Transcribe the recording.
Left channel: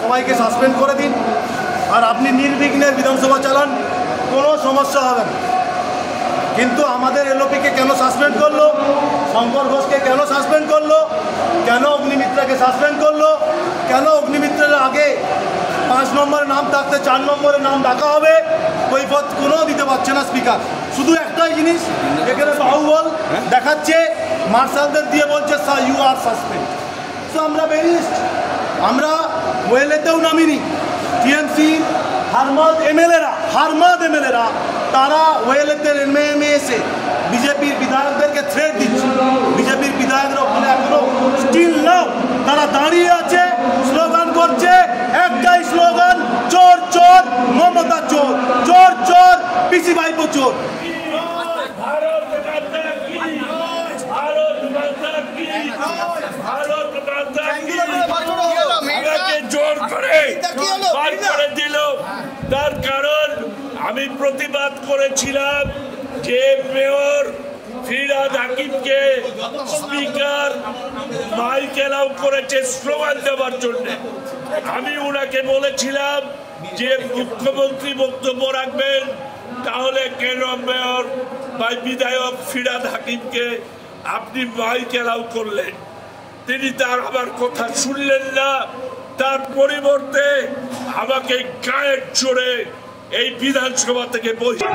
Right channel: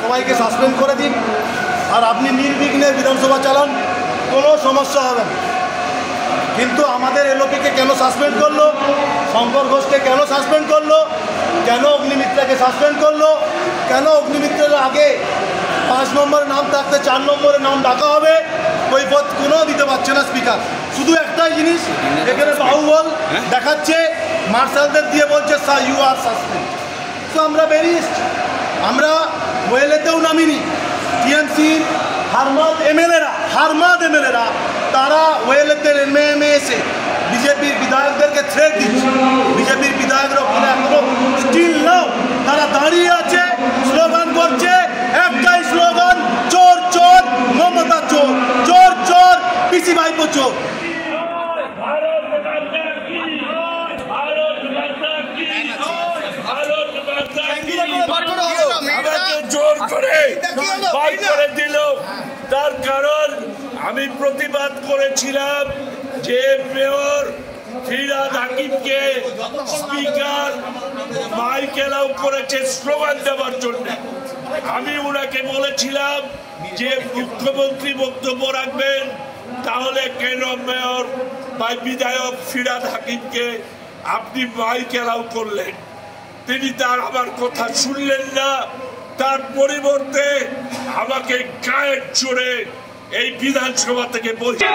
সবাইকে সাসপেন্ড করে দিন, আর আপনি নির্বিঘ্নে বিধানসভা চালান, কোনো সমস্যা হবে না। কিন্তু আমাদের এলওপিকে কেন সাসপেন্ড করলো, শঙ্কর ঘোষকে কেন সাসপেন্ড করলো, কেন অগ্নিমিত্রাকে সাসপেন্ড করলো, কেন অগ্নিমিত্রের আগে 5 নম্বরে নাম থাকতে 4 নম্বরে নাম ডাকা হবে, কৈফিয়ত কোনো দিতে পারছে না স্পিকার। শুধু একটাই জিনিস এখানে বাহুবল দেখাচ্ছে, মার্শালদের দিয়ে বলছে ইউ আর সাসপেন্ড। তো আমরা বেরিয়ে এসছি, আমরা ওয়েলেতেও নামিনি। টিএমসি হারমাদ এমএলএরা তারা ওয়েলেতে নেমে এসে বিজেপির বিধায়কদেরকে থ্রেট দিচ্ছে। বিজেপির বিধায়করা ওখানে এখনো স্টিল নাও তারা দাঁড়িয়ে আছে, স্লোগান করছে, একটাই স্লোগান, চোর চোর মমতা চোর, চোর চোর পিসি ভাইপো চোর। আমাকে জোর করে বার করে দিল। তার কারণ আমি প্রতিবাদ করেছিলাম যে মেয়র ফিরহাদ হাকিমকে স্পিকার মাইক এলাও করেছে স্লোগান দেওয়ার জন্য। আমি ওনাকে বলেছিলাম যে মুখ্যমন্ত্রী বক্তব্য রাখবেন, তাহলে কেন মেয়র বা বিধায়ক ফিরহাদ হাকিমকে আপনি মাইক এলাও করলেন? তিনি তার আমার কথা শুনলেন না, তার পরিবর্তে আমাকে গায়ের জোরে এই বিধানসভা থেকে বসে